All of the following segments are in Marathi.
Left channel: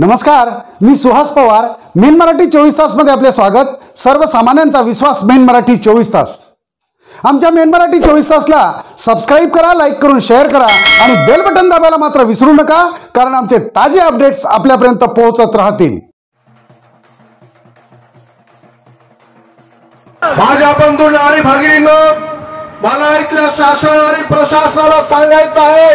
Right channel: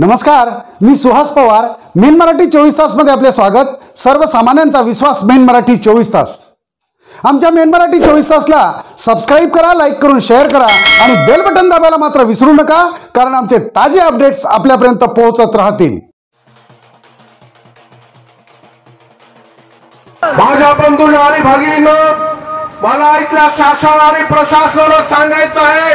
नमस्कार, मी सुहास पवार. मेन मराठी 24 तास मध्ये आपले स्वागत. सर्वसामान्यांचा विश्वास मेन मराठी 24 तास. आमच्या मेन मराठी 24 तासला सबस्क्राइब करा, लाईक करून शेअर करा आणि बेल बटन दाबायला मात्र विसरू नका, कारण आमचे ताजे अपडेट्स आपल्यापर्यंत पोहोचत राहतील. माझ्या बंधूंनो आणि भगिनींनो, मला इथल्या शासन आणि प्रशासनाला सांगायचं आहे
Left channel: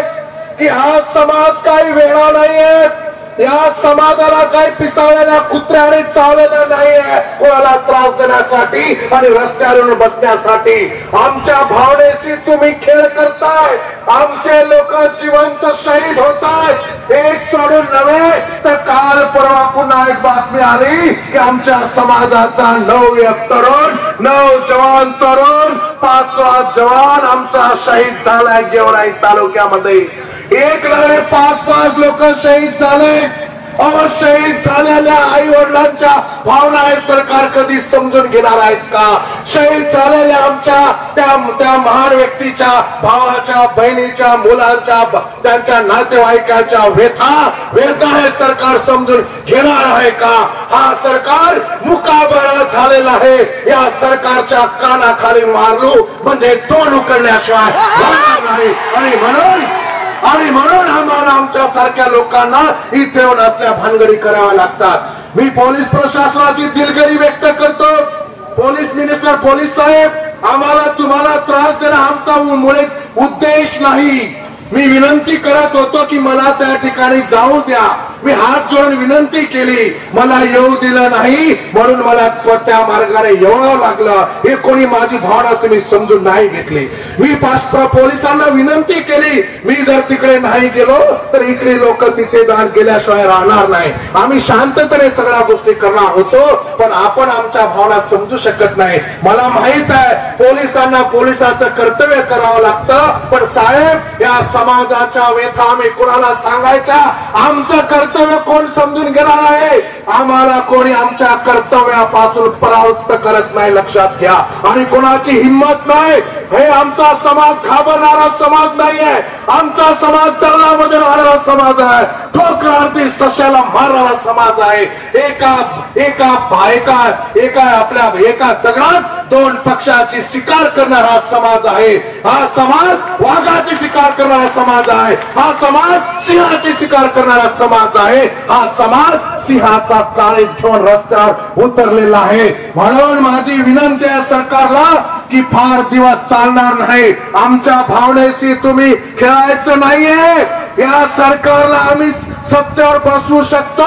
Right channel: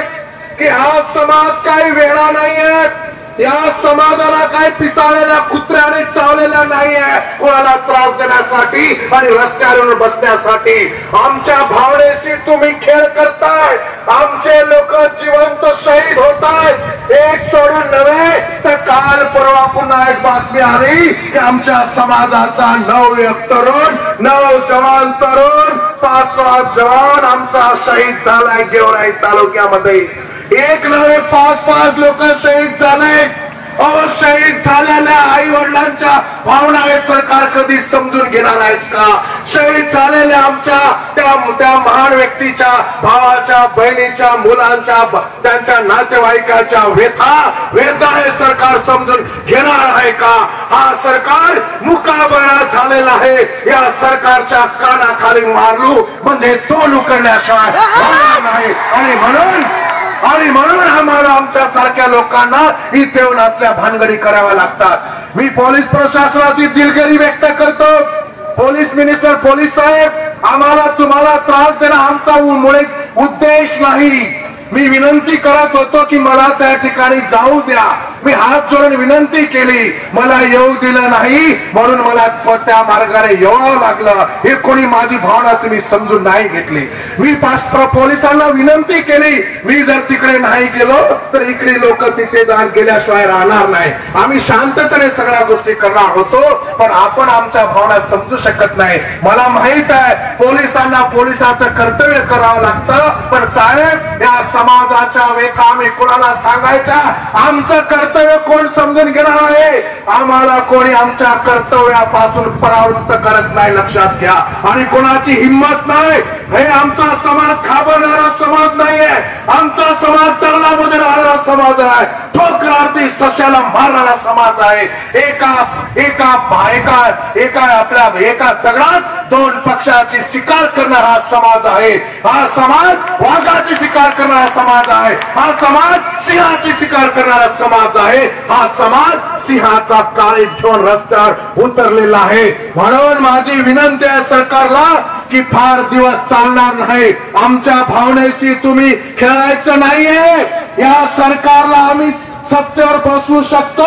की हा समाज काही वेळा नाहीये. या समाजाला काही पिसाळलेल्या कुत्र्याने चावलेला नाहीये कोणाला त्रास देण्यासाठी आणि रस्त्यावर बसण्यासाठी. आमच्या भावनेशी तुम्ही खेळ करताय. आमचे लोक जिवंत शहीद होतात. एक सोडून नव्हे तर काल परवा पुन्हा एक बातमी आली की आमच्या समाजाचा 9 तरुण, 9 जवान तरुण, 5वा जवान आमचा शहीद झालाय गेवराई तालुक्यामध्ये. एक नव्हे 5 लोक शहीद झाले. शहीद झालेल्या आई वडिलांच्या भावना हे सरकार कधी समजून घेणार आहेत का? शहीद झालेल्या आमच्या त्या महान व्यक्तीच्या भावाच्या, बहिणीच्या, मुलांच्या, त्यांच्या नातेवाईकाच्या वेदना हे सरकार समजून घेणार आहे का? हा सरकार मुकाबरा झालेला आहे. या सरकारच्या कानाखाली मारलू म्हणजे तोंड उकडण्याशिवाय नाही. आणि म्हणून आम्हाला आमच्या सारख्या लोकांना इथे येऊन असल्या भानगडी कराव्या लागतात. मी पोलीस प्रशासनाची दिलगिरी व्यक्त करतो. पोलीस मिनिस्टर, पोलीस साहेब, आम्हाला तुम्हाला त्रास देणं आमचा मुळीच उद्देश नाही. मी विनंती करत होतो की मला त्या ठिकाणी जाऊ द्या. मी हात जोडून विनंती केली, मला येऊ दिलं नाही, म्हणून मला त्या मार्गाने यावं लागलं. हे कोणी माझी भावना तुम्ही समजून नाही घेतली. मी पोलिसांना विनंती केली, मी जर तिकडे नाही गेलो तर इकडे लोक तिथे दान केल्याशिवाय राहणार नाही. आम्ही शांततेने सगळ्या गोष्टी करणार होतो, पण आपण आमच्या भावना समजू शकत नाही. मला माहित आहे पोलिसांना पोलिसाचं कर्तव्य करावं लागतं, पण साहेब या समाजाच्या व्यथा आम्ही कुणाला सांगायच्या? आमचं कर्तव्य कोण समजून घेणार आहे? आम्हाला कोणी आमच्या कर्तव्यापासून परावृत्त करत नाही, लक्षात घ्या. आणि कोणाची हिंमत नाही. हे आमचा समाज घाबरणारा समाज नाहीये. आमचा समाज चरणामध्ये राहणारा समाज आहे. ठोकरार्थी सश्याला मारणारा समाज आहे. एका दगडात 2 पक्षाची शिकार करणारा समाज आहे. हा समाज वाघाची शिकार करणारा समाज आहे. हा समाज सिंहाची शिकार करणारा समाज आहे. हा समाज सिंहाचा काळीज घेऊन रस्त्यावर उतरलेला आहे. म्हणून माझी विनंती आहे सरकारला की फार दिवस चालणार नाही. आमच्या भावनेशी तुम्ही खेळायचं नाहीये. या सरकारला आम्ही सत्तेवर बसवू शकतो,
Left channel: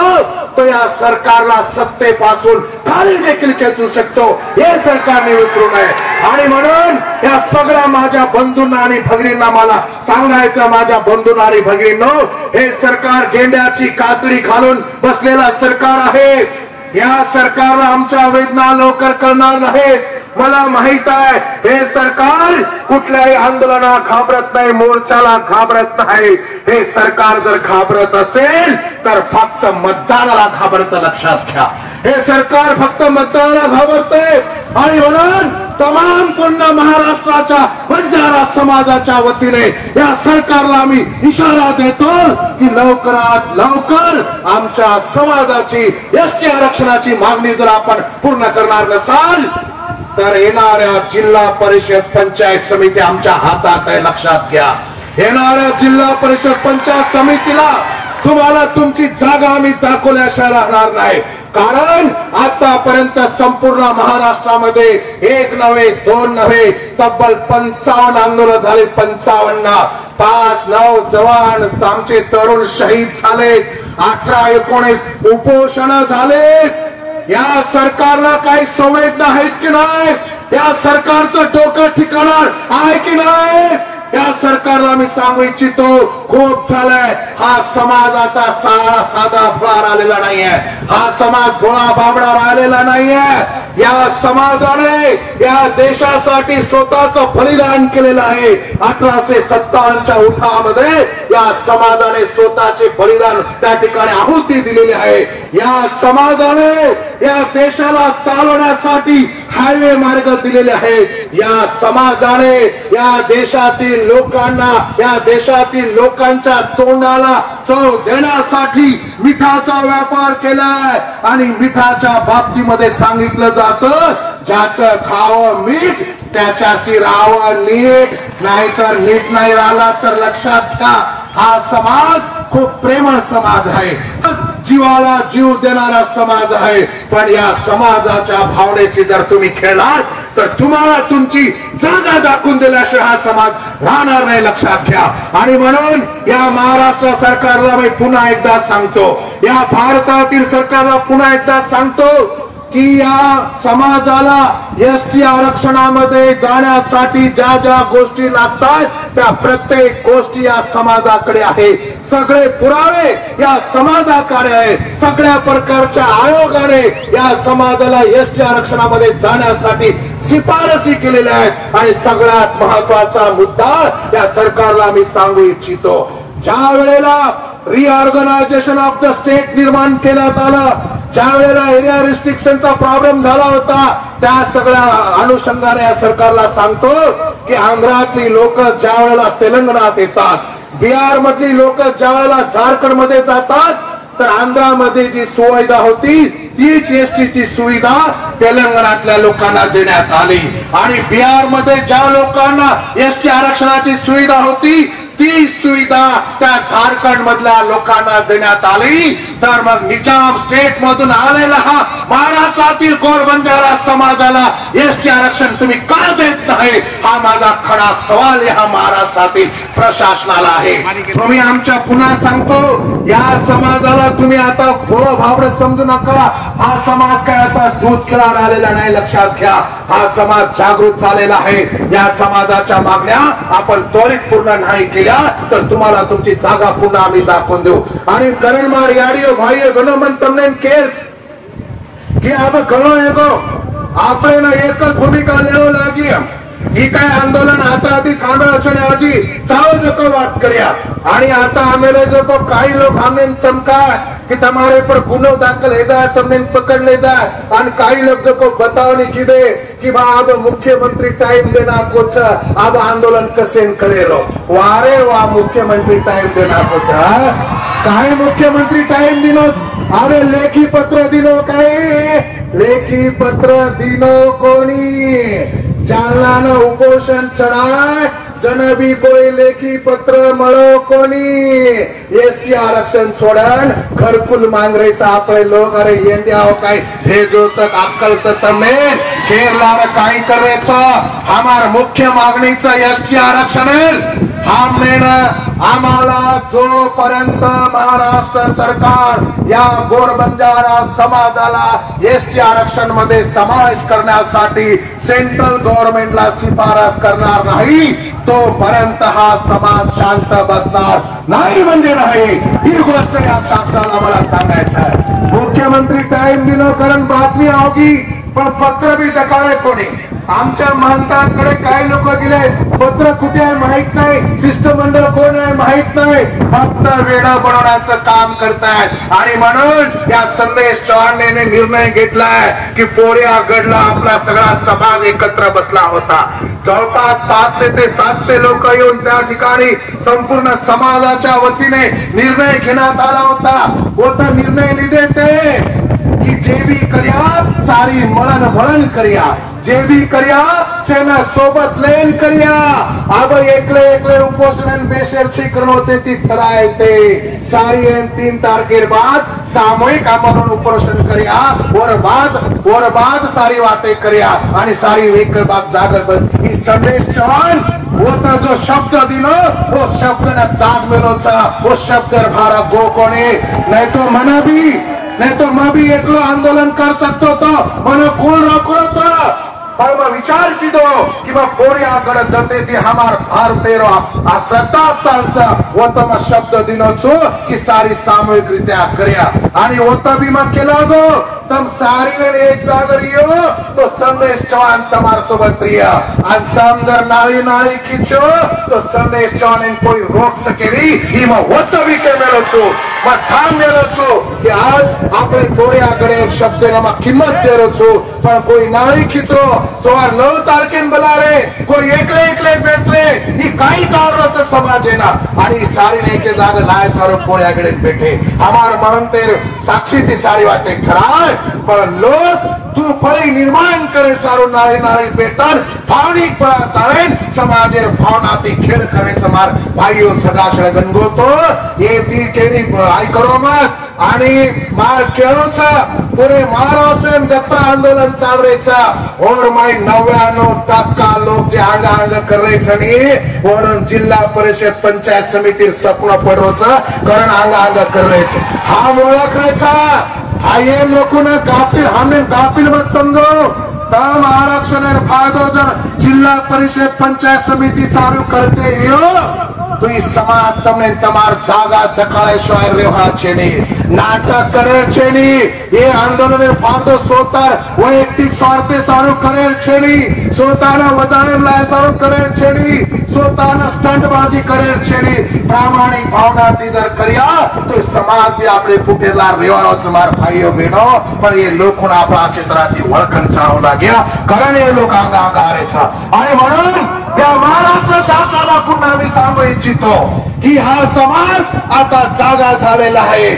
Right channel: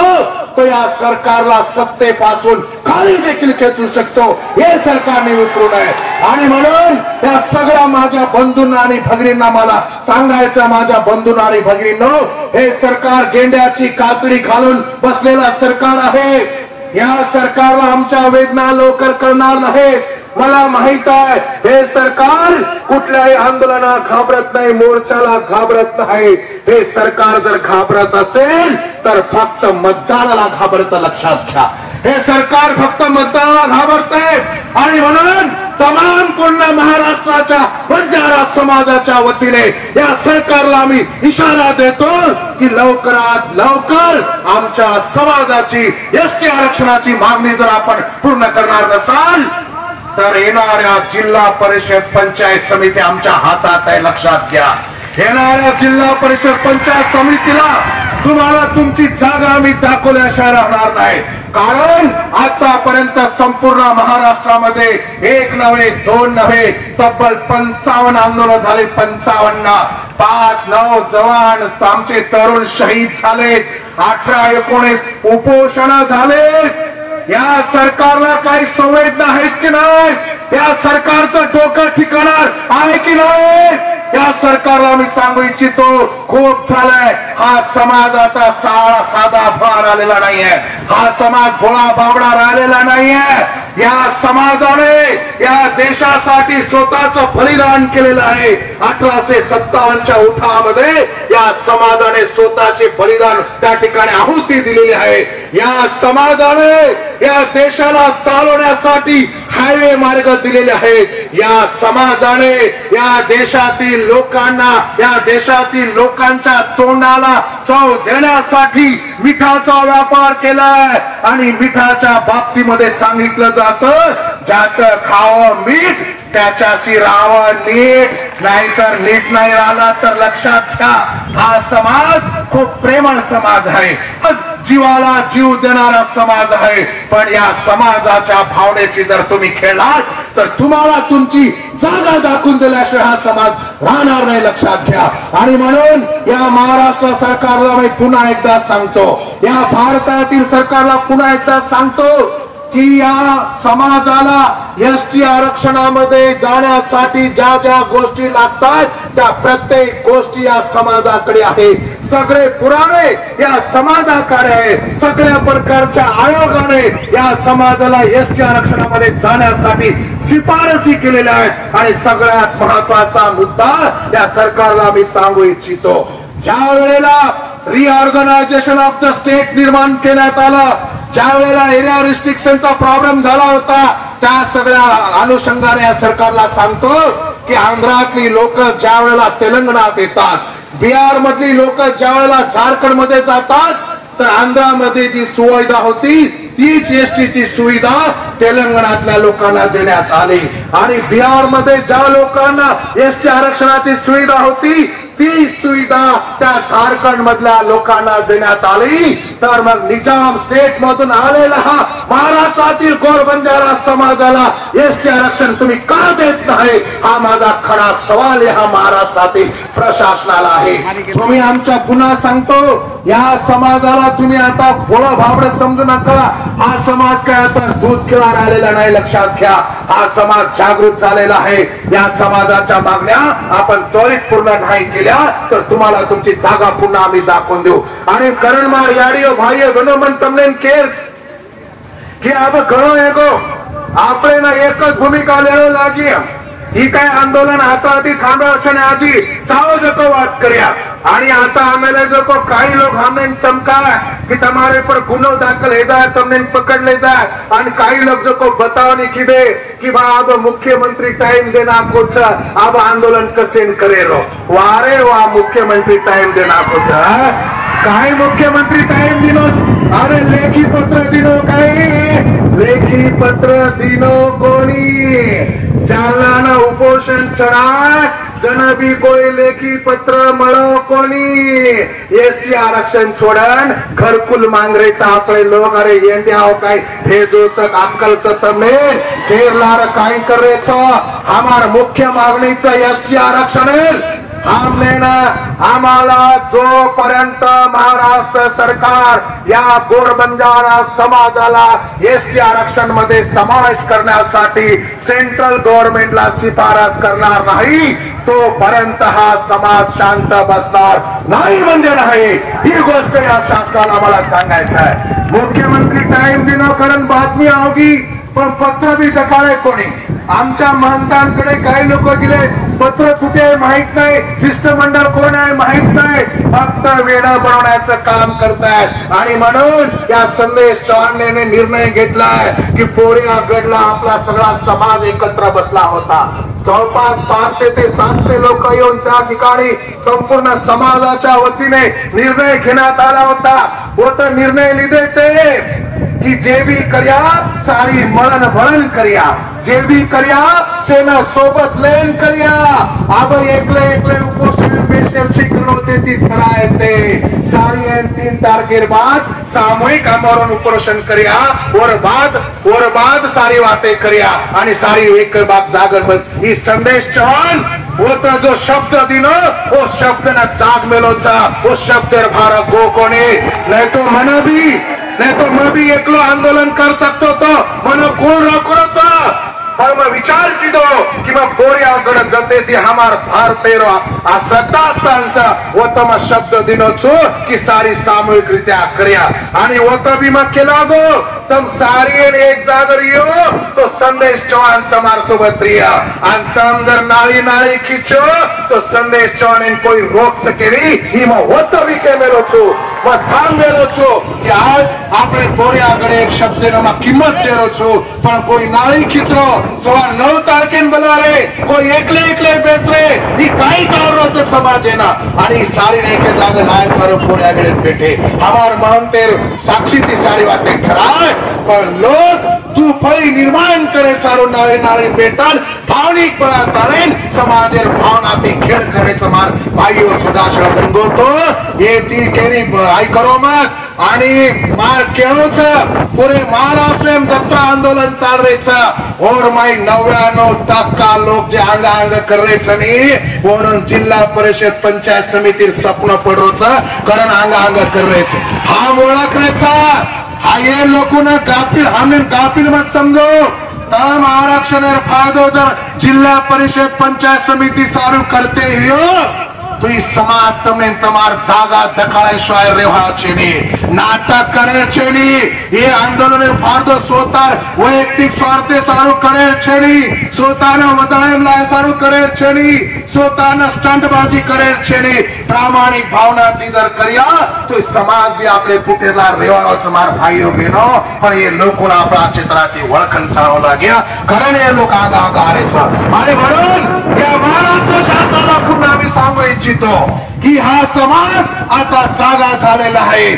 तर या सरकारला सत्तेपासून खाली देखील खेचू शकतो. हे सरकारने विसरू नये. आणि म्हणून या सगळ्या माझ्या बंधूंना आणि भगिनींना मला सांगायचं, माझ्या बंधूंना आणि भगिनींनो, हे सरकार गेंड्याची कातडी घालून बसलेला सरकार आहे. या सरकारला आमच्या वेदना लवकर कळणार नाहीत. मला माहित आहे हे सरकार कुठल्याही आंदोलनाला घाबरत नाही, मोर्चाला घाबरत नाही. हे सरकार जर घाबरत असेल तर फक्त मतदानाला घाबरत, लक्षात घ्या. हे सरकार फक्त मतदानाला घाबरते. आणि म्हणून तमाम पूर्ण महाराष्ट्राच्या बंजारा समाजाच्या वतीने या सरकारला आम्ही इशारा देतो की लवकरात लवकर आमच्या समाजाची एसटी आरक्षणाची मागणी जर आपण पूर्ण करणार नसाल तर येणाऱ्या जिल्हा परिषद पंचायत समिती आमच्या हातात आहे, लक्षात घ्या. येणाऱ्या जिल्हा परिषद पंचायत समितीला तुम्हाला तुमची जागा आम्ही दाखवल्याशिवाय राहणार नाही. कारण आतापर्यंत संपूर्ण महाराष्ट्रामध्ये 1 नव्हे 2 नव्हे तब्बल 55 आंदोलन झाले. 55 5-9 जवान आमचे तरुण शहीद झाले. 18-19 उपोषण झाले. या सरकारला काही संवेदना आहेत की नाही? या सरकारचं डोकं ठिकाणार आहे की नाही? या सरकारला मी सांगू इच्छितो, खूप झालंय. हा समाज आता साधा भोळा राहिलेला नाहीये. हा समाज भोळा बाबडा राहिलेला नाहीये. या समाजाने या देशासाठी स्वतःचं बलिदान केलेलं आहे. 1857च्या उठावामध्ये या समाजाने स्वतःचे बलिदान त्या ठिकाणी आहुती दिलेली आहे. या समाजाने या देशाला चालवण्यासाठी हायवे मार्ग दिलेले आहेत। या समाजाने या देशातील लोकांना, या देशातील लोकांच्या तोंडाला चव देण्यासाठी मिठाचा व्यापार केलाय आणि मिठाच्या बाबतीमध्ये सांगितलं जातं, ज्याचं खावं मीठ त्याच्याशी राहावं नीट, नाहीतर नीट नाही राहिला तर लक्षात घ्या हा समाज खूप प्रेमळ समाज आहे, जीवाला जीव देणारा समाज आहे। पण या समाजाच्या भावनेशी जर तुम्ही खेळलात तर तुम्हाला तुमची जागा दाखवून दिल्याशिवाय हा समाज राहणार नाही, लक्षात घ्या। आणि म्हणून या महाराष्ट्र सरकारला मी पुन्हा एकदा सांगतो, या भारतातील सरकारला पुन्हा एकदा सांगतो की या समाजाला एसटी आरक्षणामध्ये जाण्यासाठी ज्या ज्या गोष्टी लागतात त्या प्रत्येक गोष्टी या समाजाकडे आहे, सगळे पुरावे या समाजाकडे आहे, सगळ्या प्रकारच्या आयोगाने या समाजाला एसटी आरक्षणामध्ये जाण्यासाठी शिफारसी केलेल्या आहेत। आणि सगळ्यात महत्वाचा मुद्दा या सरकारला मी सांगू इच्छितो, ज्या वेळेला रिऑर्गनायझेशन ऑफ द स्टेट निर्माण करण्यात आलं, ज्या वेळेला एरिया रिस्ट्रिक्शनचा प्रॉब्लेम झाला होता, त्या सगळ्या अनुषंगाने या सरकारला सांगतो की आंध्रातली लोक ज्या वेळेला तेलंगणात येतात, बिहार मधली लोक ज्या वेळेला झारखंड मध्ये जातात, तर आंध्रामध्ये जी सुविधा होती तीच एसटीची सुविधा तेलंगणातल्या लोकांना देण्यात आली आणि बिहार मध्ये ज्या लोकांना एसटी आरक्षणाची सुविधा होती ती सुविधा त्या झारखंड मधल्या लोकांना देण्यात आली। तर मग निजाम स्टेट मधून आलेला हा महाराष्ट्रातील गोरबंजारा समाजाला एसटी आरक्षण तुम्ही का देत नाही, हा माझा खरा सवाल या महाराष्ट्रातील प्रशासनाला आहे। तुम्ही आमच्या पुन्हा सांगतो, या समाजाला तुम्ही आता भोळं भाबडं समजू नका, हा समाज काय आता दूध खेळून आलेला नाही, लक्षात घ्या हा समाज जागृत झालेला आहे। या समाजाच्या मागण्या आपण त्वरित पूर्ण नाही केल्या तर तुम्हाला तुमची जागा पुन्हा आम्ही दाखवून देऊ। आणि करण मार याडियो भाइयों बहनों मन તમને કેર કે આપ ઘણો એકો આપણે ના એક જ ભૂમિકા લેવા લાગી, ही काय आंदोलन आता आधी थांबवायचं છે ને આજી ચાલો જકો વાત કર્યા आणि आता आम्हाला जो काही लोग हमने चमका कि तुम्हारे पर गुनो दाखल हो जाए, तुमने पकड़ ले जाए, और कई लोग जो को बताओ नहीं दे कि भाई अब मुख्यमंत्री टाइम देना कुछ अब आंदोलन कसे करे रो वारे वहा मुख्यमंत्री टाइम देना कुछ काही मुख्यमंत्री टाइम दिनो, अरे लेखी पत्र दिनो, काही लेखी पत्र दिनो कोणी जालना उपोषण चढ़ाए जन भी कोई लेखी पत्र मळो कोणी एसटी आरक्षण सोडन घरकुल मांगरेचा आपले लोक अरे येंड्याव काय भेजोच अक्कलच तमे केरलार काय करायचं हमार मुख्य मागणीचं एसटी आरक्षण हमने आम्हाला जोपर्यंत महाराष्ट्र सरकार या गोरबंजारा समाजाला एसटी आरक्षण मध्ये समावेश करण्यासाठी सेंट्रल गव्हर्नमेंटला शिफारस करणार नाही तोपर्यंत हा समाज शांत बसणार नाही म्हणजे नाही, ही गोष्ट या शासनाला मला सांगायचं आहे। मुख्यमंत्री टाइम दिनो कारण बातमी होगी पण पत्र भी दकावे कोणी आमच्या मानकांकडे काही लोक दिले पत्र कुठे आहे माहित नाही, शिष्टमंडळ कोण आहे माहित नाही, फक्त वेळा बनवण्याचं काम करतायत। आणि म्हणून या संदेश चव्हाणने निर्णय घेतलाय की पोरियागडला आपला सगळा समाज एकत्र बसला होता, जवळपास 500 ते 700 लोक येऊन त्या ठिकाणी संपूर्ण समाजाच्या वतीने निर्णय घेण्यात आला होता। वो तर निर्णय लिहिले ते कि जे भी करिया सारी मळण भळण करिया, जे भी करिया सेना सोबत लयन करिया। अब एकले एकले उपोषण बेशर्ती करण होते ती ठराय ते सारी 3 तारखेर बाद सामूहिक आमरण उपोषण करिया और बाद सारी बातें करिया आणि सारी एक बात जागर बस ही संदेश चव्हाण वो तो जो शब्द दिनो वो शब्द न जाग मेलोचा वो शब्द भारा गो कोने नहीं तो मना भी नहीं तो मैं भी एकलो आंदोलन कर सकतो तो मनो कोण रोको तो पर मैं विचार किदो कि मैं पोरियागड जते ती हमार भारतेरो आ सत्तास्थानचा वो तो मैं शब्द दिनो छो कि सारी सामूहिक रित्या कर्या आणि वो तो भी मैं केला गो तुम सारी एक जागर यो तो संदेश चव्हाण तमार सोबत रिया आणि तम जर नाळी नाळी खिचो तो संदेश चव्हाण कोई रोक सकेरी ही मैं वो तो भी के मेलो छो ठाम गेलो छो कि आज આપણે કોરિયાગઢે એક શબ્દનામાં કિંમત દેરો છો પણ કોઈ નાળી ખીતરો સવાર 9 તારીખે બનારે કોઈ એકલે એકલે બેસરે ઈ કાઈ કાવરો છે સમાજેના आणि सारी नाही के जागा लाय सारो कोरियागढे बैठे हमार महंतेर साक्षीती सारी वाते ठराय पण लोक तू फळी निर्माण करे सारो नाळी नाळी बेटन भावनिक पळा ताळेन समाजेर भावनाती खेळ करायचं मार भाईओ सदाशळ गणगोतो ये ती केरी आई करो मत आणि मार केळोच पुरे महाराष्ट्र जत्रा आंदोलन चाल रेचा और माई 99% लोक जे आंग आंग करायचं नाही म्हणून जिल्हा परिषद पंचायत समितीर सपन पडरोच कारण आंग आंग करायचं हा ओळखायचा हा ये लोकोना गाफिल हमें गाफिल मत समजो तम आरक्षण फायदो जर जिल्हा परिषद पंचायत समिति सारू करते हो तो इस समाज तमने तमार जागा दखाड़े शायर रेवा छेनी नाटक करे छेनी ये आंदोलन फायदो सोतार वैयक्तिक स्वार्थे सारू करे छेनी सोताना वदायम लाय सारू करे छेनी सोताना स्टंटबाजी करे छेनी प्रामाणिक भावना ती जर करिया तो समाज भी आपले फुटेला रेवानो समार भाईओ बहनो पण ये लोकोना आपला क्षेत्राची वळखण चालू लाग्या कारण हे लोक आगा आगा आरेचा आणि म्हणून या महाराष्ट्र शासनाला पुन्हा मी सांगू इच्छितो की हा समाज आता जागा झालेला आहे।